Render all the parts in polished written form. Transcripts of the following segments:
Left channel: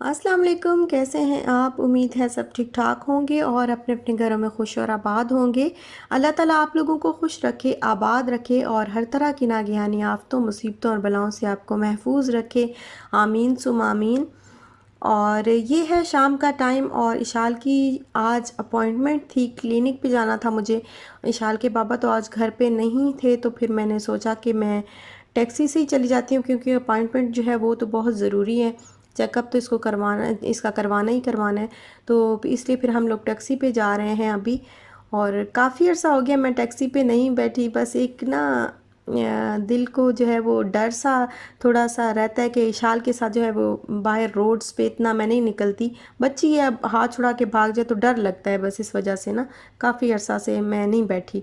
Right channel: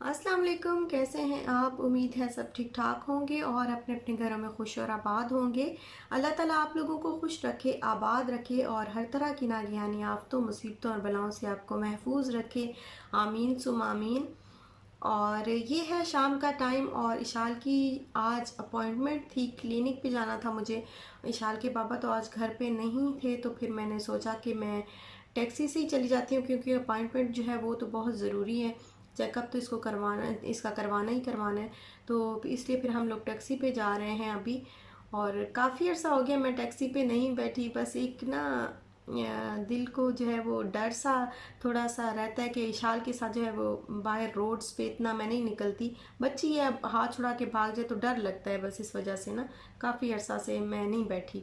अस्सलाम वालेकुम, कैसे हैं आप? उम्मीद है सब ठीक ठाक होंगे और अपने अपने घरों में खुश और आबाद होंगे। अल्लाह ताला आप लोगों को खुश रखे, आबाद रखे और हर तरह की नागहानी आफ़तों, मुसीबतों और बलाओं से आपको महफूज रखे। आमीन सुम आमीन। और ये है शाम का टाइम और इशाल की आज अपॉइंटमेंट थी, क्लिनिक पे जाना था मुझे। इशाल के पापा तो आज घर पे नहीं थे, तो फिर मैंने सोचा कि मैं टैक्सी से ही चली जाती हूँ, क्योंकि अपॉइंटमेंट जो है वो तो बहुत ज़रूरी है। चेकअप तो इसका करवाना ही करवाना है। तो इसलिए फिर हम लोग टैक्सी पे जा रहे हैं अभी। और काफ़ी अर्सा हो गया मैं टैक्सी पे नहीं बैठी। बस एक ना दिल को जो है वो डर सा थोड़ा सा रहता है कि इशाल के साथ जो है वो बाहर रोड्स पे इतना मैं नहीं निकलती। बच्ची है, अब हाथ छुड़ा के भाग जाए तो डर लगता है, बस इस वजह से ना काफ़ी अर्सा से मैं नहीं बैठी।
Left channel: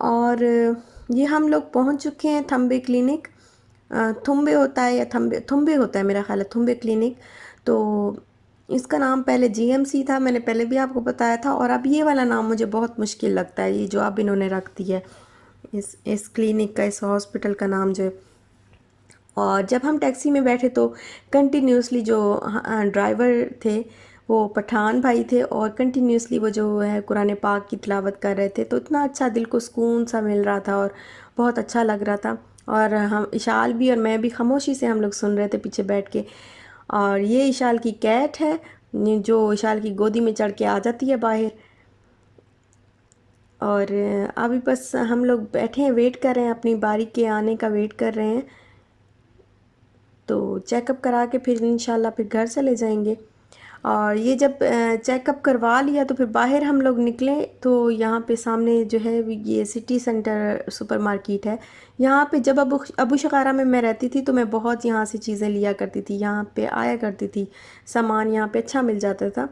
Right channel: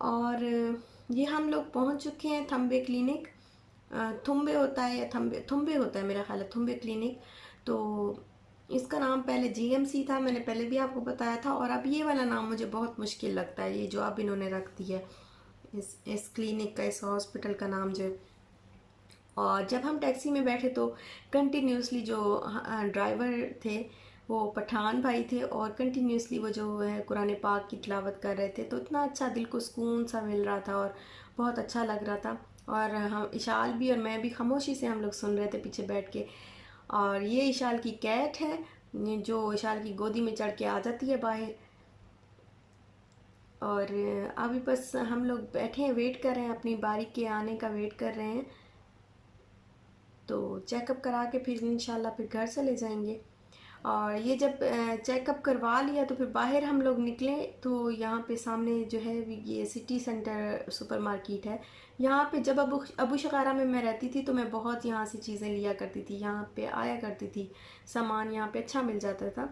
और ये हम लोग पहुंच चुके हैं थम्बे क्लिनिक। थुम्बे होता है या थम्बे थुम्बे होता है, मेरा ख्याल है थुम्बे क्लिनिक। तो इसका नाम पहले जीएमसी था, मैंने पहले भी आपको बताया था। और अब ये वाला नाम मुझे बहुत मुश्किल लगता है, ये जो अब इन्होंने रख दिया है इस क्लिनिक का, इस हॉस्पिटल का नाम जो है। और जब हम टैक्सी में बैठे तो कंटिन्यूसली जो ड्राइवर थे वो पठान भाई थे, और कंटिन्यूसली वो जो है कुरान पाक की तिलावत कर रहे थे। तो इतना अच्छा दिल को सुकून सा मिल रहा था और बहुत अच्छा लग रहा था। और हम इशाल भी और मैं भी खामोशी से हम लोग सुन रहे थे पीछे बैठ के। और ये इशाल की कैट है, ये जो इशाल की गोदी में चढ़ के आ जाती है बाहर। और अभी बस हम लोग बैठे हैं, वेट कर रहे हैं, अपनी बारी के आने का वेट कर रहे हैं। तो चेकअप करा के फिर इंशाल्लाह फिर घर चले जाएंगे। और ये जब चेकअप करवा लिया तो फिर बाहर हम लोग निकले तो यहाँ पे सामने जो है ये सिटी सेंटर सुपर मार्केट है। यहाँ पे जब अबू शकारा में मैं रहती थी तो मैं बहुत यहाँ से चीज़ें लिया करती थी, यहाँ पे आया करती थी। सामान यहाँ पे अच्छा मिल जाता था।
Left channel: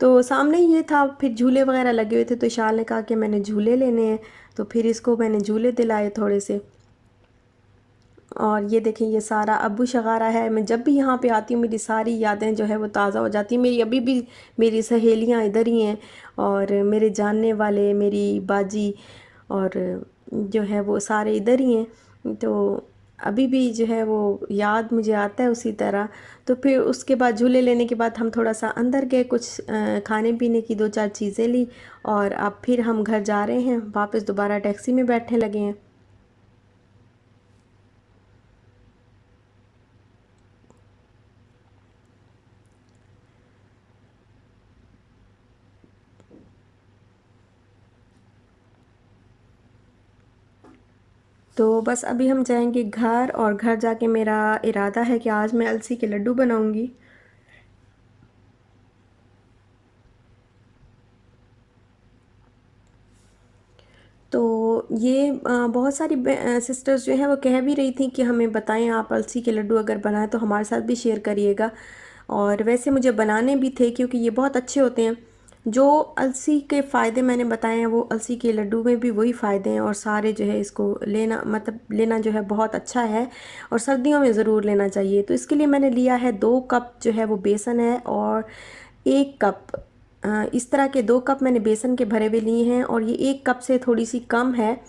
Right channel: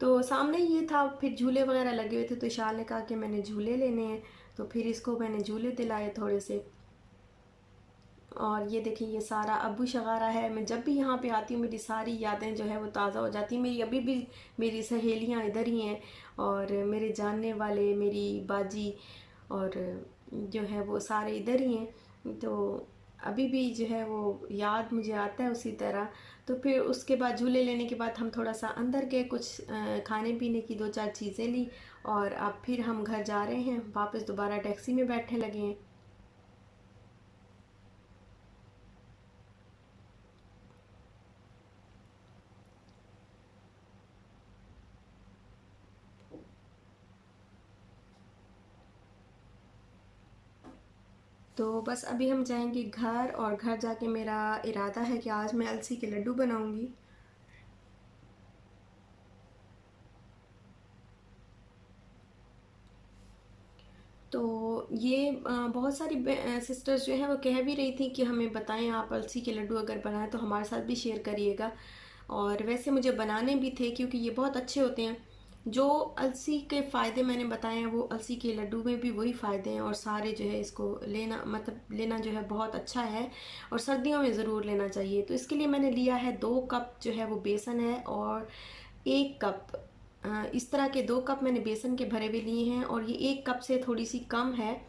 तो सामने ये था, फिर झूले वगैरह लगे हुए थे, तो इशाल ने कहा कि मैंने झूले लेने हैं। तो फिर इसको मैंने झूले दिलाए थोड़े से। और ये देखें, ये सारा अबू शगारा है। मैं जब भी यहाँ पे आती हूँ मेरी सारी यादें जो है वो ताज़ा हो जाती हैं। मेरी अभी भी मेरी सहेलियाँ इधर ही हैं, और मेरे जानने वाले, मेरी बाजी और जो है वो सारे इधर ही हैं। तो अभी भी जो है वो याद मुझे आता है उसी तरह। तो फिर उसके बाद झूले लेने के बाद हम थोड़ा सा अंदर गए, कुछ खाने पीने की दो चार चीज़ें ली। और अब फिर हम घर जा रहे हैं वापस, दोबारा टैक्सी में बैठने लगे हैं। तो बस अभी हम जाएंगे घर, और घर जाके मेरा इरादा है कि आज मैं अलसी के लड्डू बनाऊंगी। तो ये बहुत सारी सिस्टर्स जो हैं वो कह भी रही थी कि हमें बताएं, आप अलसी के लड्डू अगर बनाएं तो हमारे साथ भी शेयर करिएगा। और वैसे मुझे बनाने भी थे, क्योंकि ये बहुत अच्छे होते हैं। जो अलसी के फ़ायदे मैंने बताए हैं वो अलसी के लड्डू में भी वही फ़ायदे हैं। और सारे जो है इसको लेना, मतलब लेना जो है बहुत अच्छा है, और सर्दियों में ज़रूर लेना चाहिए। तो इसके लिए मैंने लिया है 2 कप जो है वो बेसन है, और 1 कप इस तरह के 2 कप मैंने बेसन के भरे हुए लिए हैं। और ये 1 कप से थोड़ी सी कम है।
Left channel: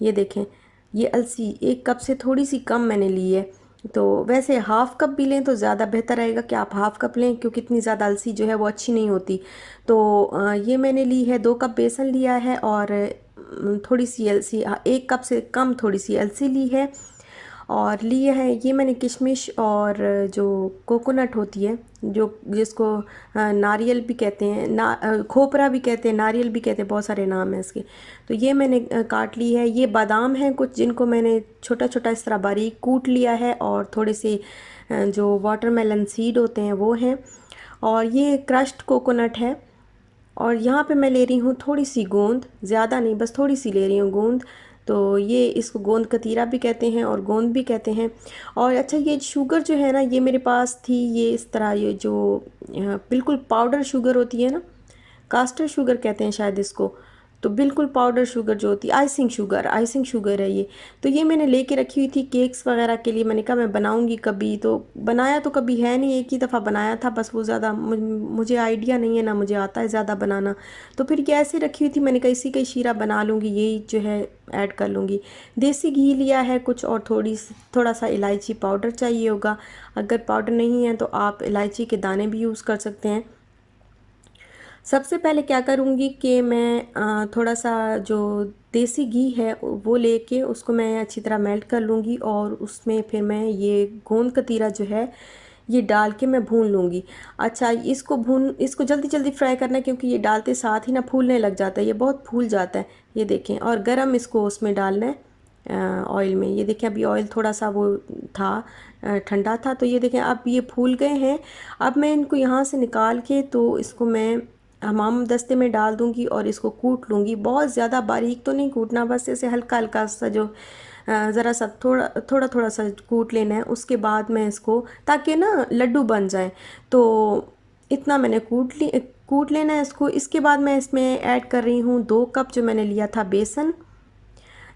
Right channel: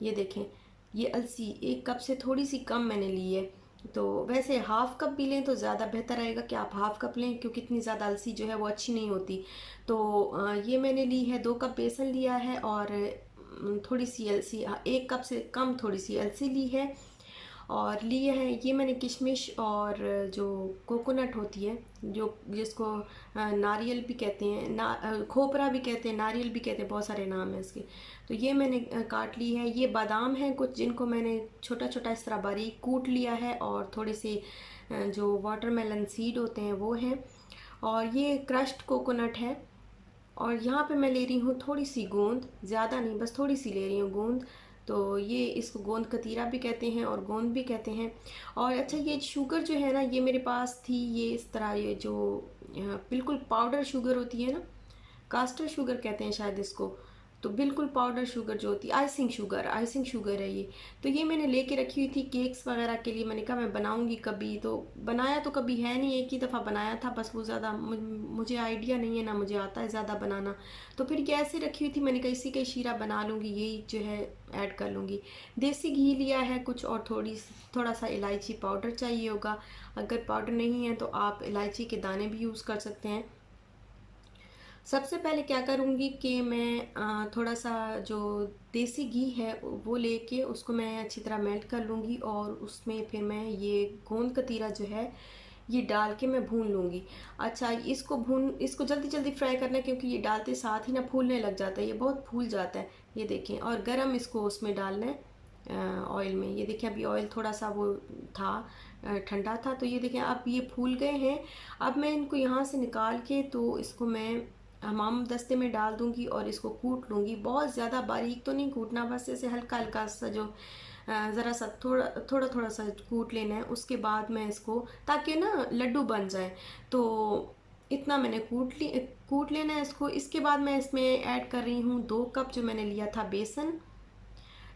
ये देखें, ये अलसी 1 कप से थोड़ी सी कम मैंने ली है। तो वैसे हाफ़ कप भी लें तो ज़्यादा बेहतर रहेगा कि आप हाफ़ कप लें, क्योंकि इतनी ज़्यादा अलसी जो है वो अच्छी नहीं होती। तो ये मैंने ली है, 2 कप बेसन लिया है, और थोड़ी सी अलसी, 1 कप से कम थोड़ी सी अलसी ली है। और लिए है ये मैंने किशमिश, और जो कोकोनट होती है, जो जिसको नारियल भी कहते हैं, खोपरा भी कहते हैं, नारियल भी कहते हैं, बहुत सारे नाम हैं इसके। तो ये मैंने काट ली है। ये बादाम हैं कुछ, जिनको मैंने छोटा छोटा इस तरह बारीक कूट लिया है। और थोड़े से जो वाटरमेलन सीड होते हैं वो हैं। और ये क्रश्ड कोकोनट है। और यहाँ पे मैं ले रही हूँ थोड़ी सी गूंद, ज़्यादा नहीं, बस थोड़ी सी ले रही हूँ गूंद, तो ये इसको गोंद कतीरा भी कहते हैं और गोंद भी कहते हैं। और अच्छा, ये शुगर जो है ना, ये मेरे पास थी, ये इस तरह, ये जो बिल्कुल पाउडर शुगर होती है ना, कास्टर शुगर कहते हैं शायद इसको। तो बिल्कुल पाउडर शुगर जो होती है, आइसिंग शुगर है ये। तो ये मैंने लेके रखी हुई थी केक्स वगैरह के लिए। मैंने कहा मैं बनाऊंगी कभी, तो बनाया तो कभी है नहीं, एक ही दफ़ा बनाया था बस। वो ज़्यादा मुझे आइडिया नहीं है ना, मुझे आता है ज़्यादा बनाना। तो फिर ये ऐसे रखी हुई थी, मैंने कहा इसी का ही शीरा बना लूँगी, यही जो है ऐड कर लूँगी। देसी घी लिया है कुछ, और थोड़ा सा इलायची पाउडर चाहिए होगा। अगर पाउडर नहीं है तो आप इलायची के दाने भी यूज़ कर सकते हैं। सबसे पहले क्या करूँगी कि मैं थोड़ा सा जो देसी घी है वो लेके उसको मैं अच्छी तरह मेल्ट कर लूँगी, और उसमें फिर मैं ये गोंद कतीरा जो है ये डाल के मैं भून लूँगी। अच्छा, इसको जल्दी जल्दी फ्राई करना है, क्योंकि ये डालते साथ ही ना फूलने लग जाता है, ये बहुत फूल जाता है। ये देखें, और गरम इसको उसमें डालना है ऑयल में। ये देखें, अभी ऑयल थोड़ा सा वो था, ठंडा था। तो ये देखें अब ये फूल गए हैं। अब मैं इनको यहाँ से निकाल के तो इसको मैं हमाम दस्ते में डाल दूँगी और इसको कूट लूँगी। बहुत ज़्यादा बारीक तो नहीं कूटना, बस ऐसे हल्का हल्का सा जो ज़रा सा थोड़ा थोड़ा थोड़ा सा कूट लेना है। उसके बाद मैं इसको, ताकि ना लड्डू बन जाए, तो इतना मैंने कूट लेना है इसको। इसके बाद मैं इसमें ऐड कर रही हूँ 2 कप जो मैंने लिया था बेसन।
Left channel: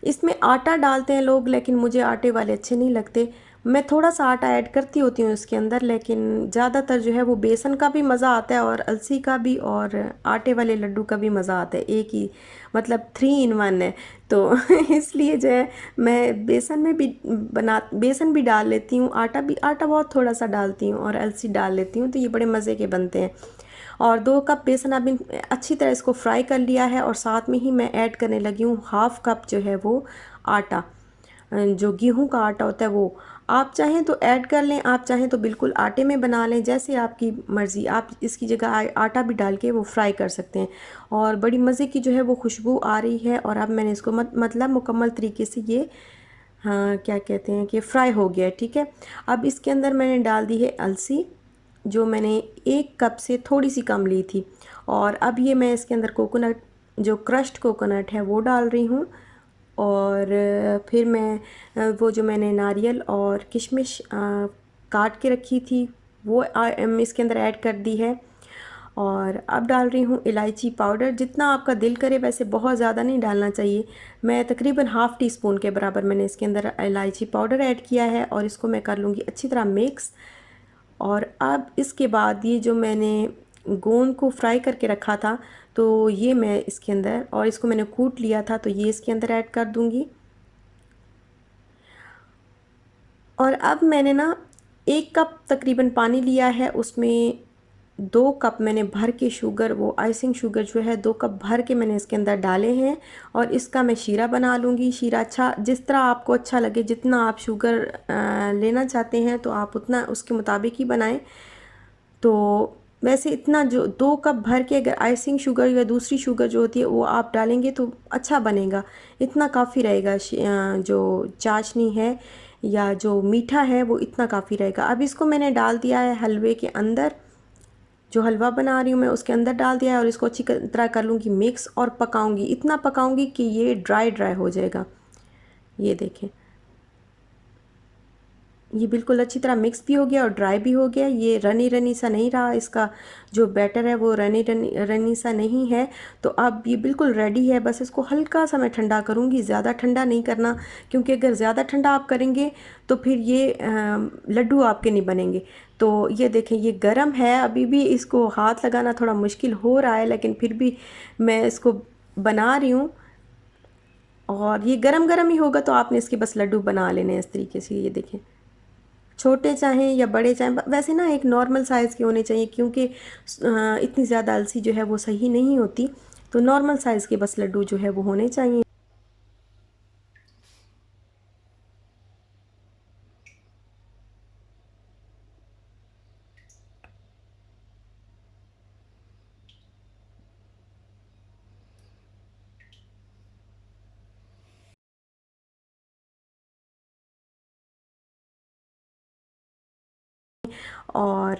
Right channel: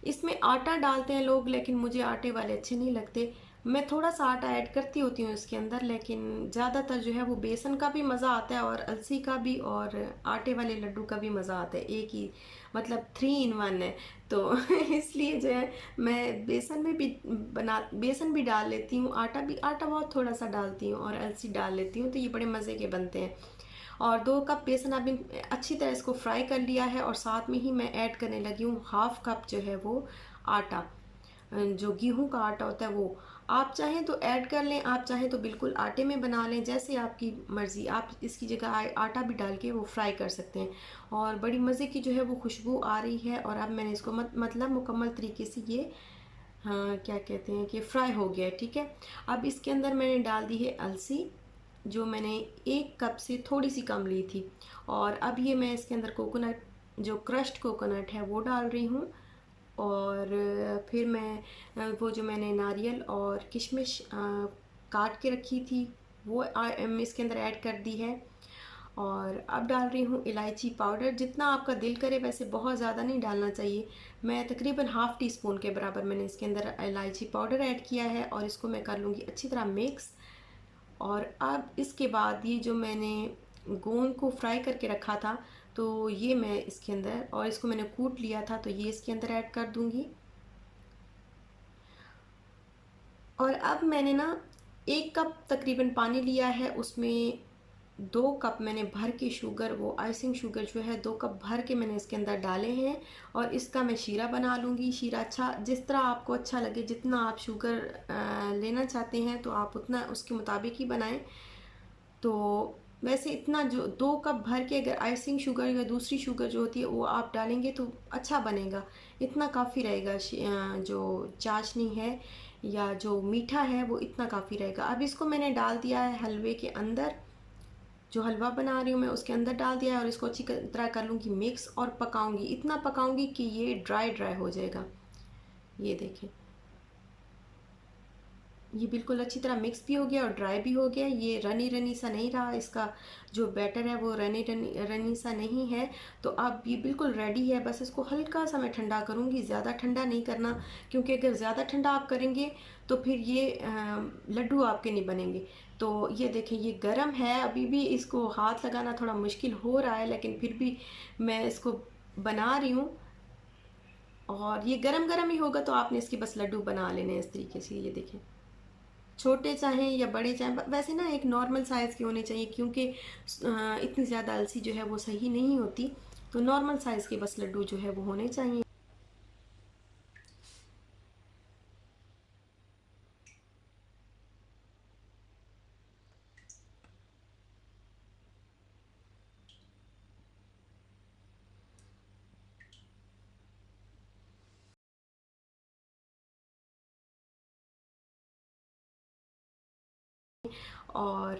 इसमें आटा डालते हैं लोग, लेकिन मुझे आटे वाले अच्छे नहीं लगते। मैं थोड़ा सा आटा ऐड करती होती हूँ इसके अंदर, लेकिन ज़्यादातर जो है वो बेसन का भी मज़ा आता है और अलसी का भी, और आटे वाले लड्डू का भी मज़ा आता है। एक ही, मतलब 3 in 1 है। तो इसलिए जो है मैं बेसन भी डाल लेती हूँ, आटा बहुत थोड़ा सा डालती हूँ, और अलसी डाल लेती हूँ, तो ये बड़े मज़े के बनते हैं। और 2 कप बेसन अभी अच्छी तरह इसको फ्राई कर लिया है, और साथ में ही मैं ऐड करने लगी हूँ 1/2 कप जो है वो आटा, जो गेहूं का आटा होता है वो। आप चाहें तो ऐड कर लें, आप चाहें तो बिल्कुल आटे में बना लें, जैसे आपकी मर्ज़ी। आप इसकी जगह आटा भी डाल के वो फ्राई कर सकते हैं। और बड़ी मज़े की जो है वो खुशबू आ रही है। और अब मैंने इसको मतलब मुकम्मल तरीके से ये, हाँ क्या कहते हैं, कि फ्राई हो गया है, ठीक है। अब इसके अंदर मैंने डाल दी है अलसी, जो मैंने 1 कप से थोड़ी सी कम ली थी। और अब ये मैं इसके अंदर कोकोनट, जो क्रश्ड कोकोनट है वो डाल रही हूँ। और फिर मैं वो जो मैंने नारियल और किशमिश काट के रखी थी वो इसके अंदर ऐड कर दी है। और अब डाल रही हूँ इलायची पाउडर, जितना आपका दिल करे, वैसे बहुत ज़्यादा नहीं डालना चाहिए। मैं तकरीबन ½ टीस्पून के बराबर मैंने इसके अंदर इलायची पाउडर ऐड किया है, और इसको मैं कर लूँगी अच्छी तरह मिक्स। और अब इसके बाद ये जो मैंने गोंद को फ्राई करके रखा था, तो ये मैं इसके अंदर, और इसको मैंने कूट लिया था, तो ये इसके अंदर ऐड कर दूँगी। और अब मैंने ना 1 कप तकरीबन पानी लिया है, उसमें 2 कप मैंने भर के शुगर, वो आइसिंग शुगर जो है 2 कप भर के मैंने इसके अंदर डाले हैं। और इसका मैं शीरा बना लूँगी। शीरा अच्छा, जिस तरह आपको अच्छा लगे, जितना आप शुगर लेना चाहते हैं तो आप उतना उसके मुताबिक ही बनाएं। तो वैसे इतना, जो 2 कप भर के अगर आइसिंग शुगर या दूसरी शुगर जो होती है वो आप डालेंगे तो अच्छा बनेगा। इतना काफ़ी रहेगा, जो चाशनी है या जो मीठा है वो इतना काफ़ी रहेगा। अब इसको मैंने डाल दिया है हलवे के अंदर, जो हलवा बना रही हूँ मैं उसके अंदर डाल दिया है, और इसको अच्छी तरह कर लूँगी मिक्स, और पकाऊंगी, इतना पकाऊंगी कि ये ड्राई ड्राई हो जाएगा। ये देखें, ये बिल्कुल अच्छी तरह मिक्स भी हो गया और ड्राई भी हो गया। ये रनी रनी सा नहीं रहा, इसका जो बैटर है वो रनी रनी रनी सा नहीं है। तो अब ये बिल्कुल रेडी है। बस इसको हल्का सा मैं ठंडा करूँगी, ज़्यादा ठंडा नहीं करना, क्योंकि अगर ज़्यादा ठंडा आप करेंगे तो फिर ये लड्डू आपके नहीं बनेंगे। तो ये देखें, ये गर्म है, अभी भी इसको हाथ लगाना थोड़ा मुश्किल हो रहा है, लेकिन फिर भी मैं इसको बना रही हूँ। और ये गरम गरम ही होगा, तो आपने इसके बस लड्डू बना लेने हैं इस तरीके से। ये देखें, छोटे चाहें या बड़े चाहें, वैसे ना एक नॉर्मल साइज़ के होने चाहिए, क्योंकि इतनी ज़्यादा अलसी जो है वो सही नहीं होती। तो नॉर्मल साइज़ के बस लड्डू जो है वो होने चाहिए। और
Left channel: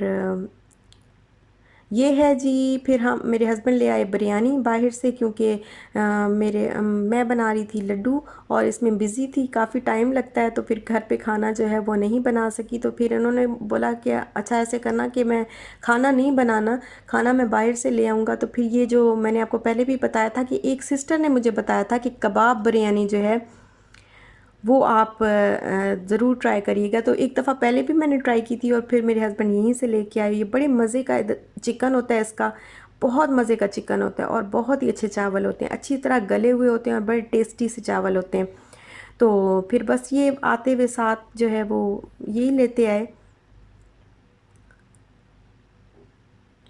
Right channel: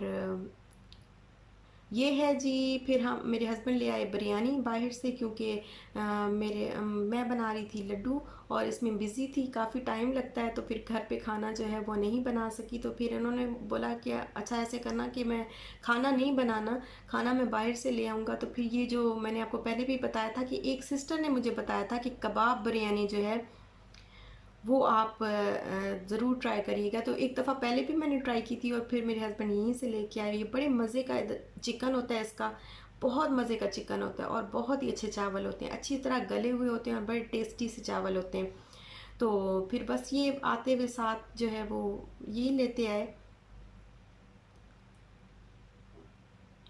ये है जी। फिर हम मेरे हस्बैंड ले आए बिरयानी बाहर से, क्योंकि मैं बना रही थी लड्डू और इसमें बिज़ी थी, काफ़ी टाइम लगता है, तो फिर घर पे खाना जो है वो नहीं बना सकी। तो फिर उन्होंने बोला कि अच्छा ऐसे करना कि मैं खाना नहीं बनाना, खाना मैं बाहर से ले आऊँगा। तो फिर ये जो मैंने आपको पहले भी बताया था कि एक सिस्टर ने मुझे बताया था कि कबाब बिरयानी जो है वो आप ज़रूर ट्राई करिएगा। तो एक दफ़ा पहले भी मैंने ट्राई की थी और फिर मेरे हस्बैंड यहीं से लेके आए। ये बड़े मज़े का चिकन होता है इसका, बहुत मज़े का चिकन होता है और बहुत ही अच्छे चावल होते हैं, अच्छी तरह गले हुए होते हैं और बड़े टेस्टी से चावल होते हैं। तो फिर बस ये आते हुए साथ जो है वो यही लेते आए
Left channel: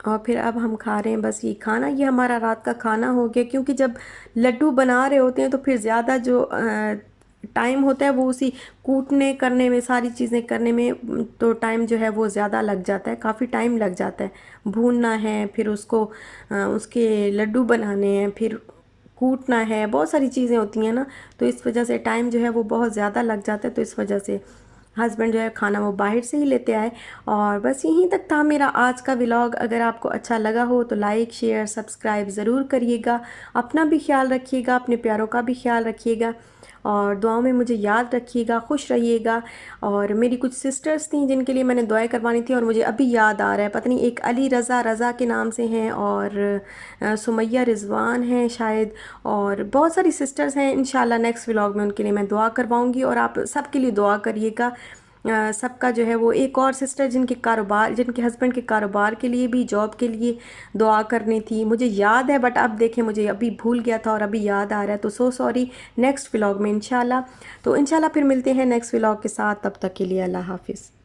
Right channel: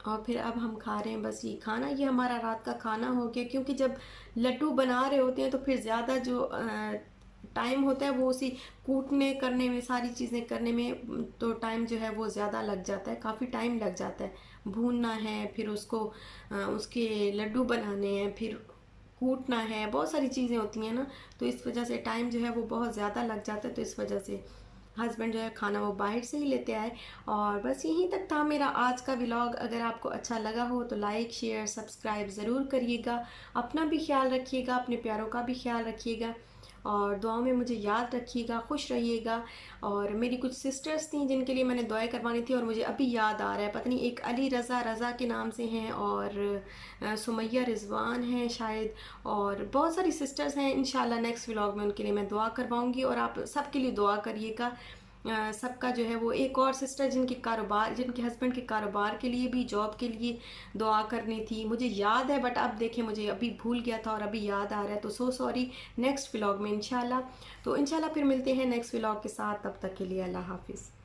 और फिर अब हम खा रहे हैं बस ये खाना। ये हमारा रात का खाना हो गया, क्योंकि जब लड्डू बना रहे होते हैं तो फिर ज़्यादा जो टाइम होता है वो उसी कूटने करने में, सारी चीज़ें करने में तो टाइम जो है वो ज़्यादा लग जाता है, काफ़ी टाइम लग जाता है। भूनना है, फिर उसको उसके लड्डू बनाने हैं, फिर कूटना है, बहुत सारी चीज़ें होती हैं ना, तो इस वजह से टाइम जो है वो बहुत ज़्यादा लग जाता है। तो इस वजह से हस्बैंड जो है खाना वो बाहर से ही लेते आए। और बस यहीं तक था मेरा आज का व्लॉग। अगर आपको अच्छा लगा हो तो लाइक शेयर सब्सक्राइब ज़रूर करिएगा। अपना भी ख्याल रखिएगा, अपने प्यारों का भी ख्याल रखिएगा और दुआओं में मुझे याद रखिएगा, खुश रहिएगा। और मेरी कुछ सिस्टर्स थी जिनके लिए मैंने दुआएं करवानी थी और मुझे अभी याद आ रहा है, पता नहीं एक अली रज़ा रज़ा के नाम से हैं और सुमैया रिजवान हैं शायद, और बहुत सारी सिस्टर्स हैं। इंशाल्लाह नेक्स्ट व्लॉग में उनके लिए मैं दुआ करवाऊंगी और आप सबके लिए दुआ करिएगा। सबका जो है वो एक और सिस्टर जिनके कारोबार, जिनके हस्बैंड के कारोबार के लिए भी, जॉब के लिए दुआ करनी थी, मुझे याद है बट अब देखें मुझे अभी भूल गया था और अभी याद आ रहा है, तो सो सॉरी। नेक्स्ट व्लॉग में इंशाल्लाह। तो इंशाल्लाह फिर मिलते हैं नेक्स्ट व्लॉग के साथ, तब तक के लिए अल्लाह हाफिज़।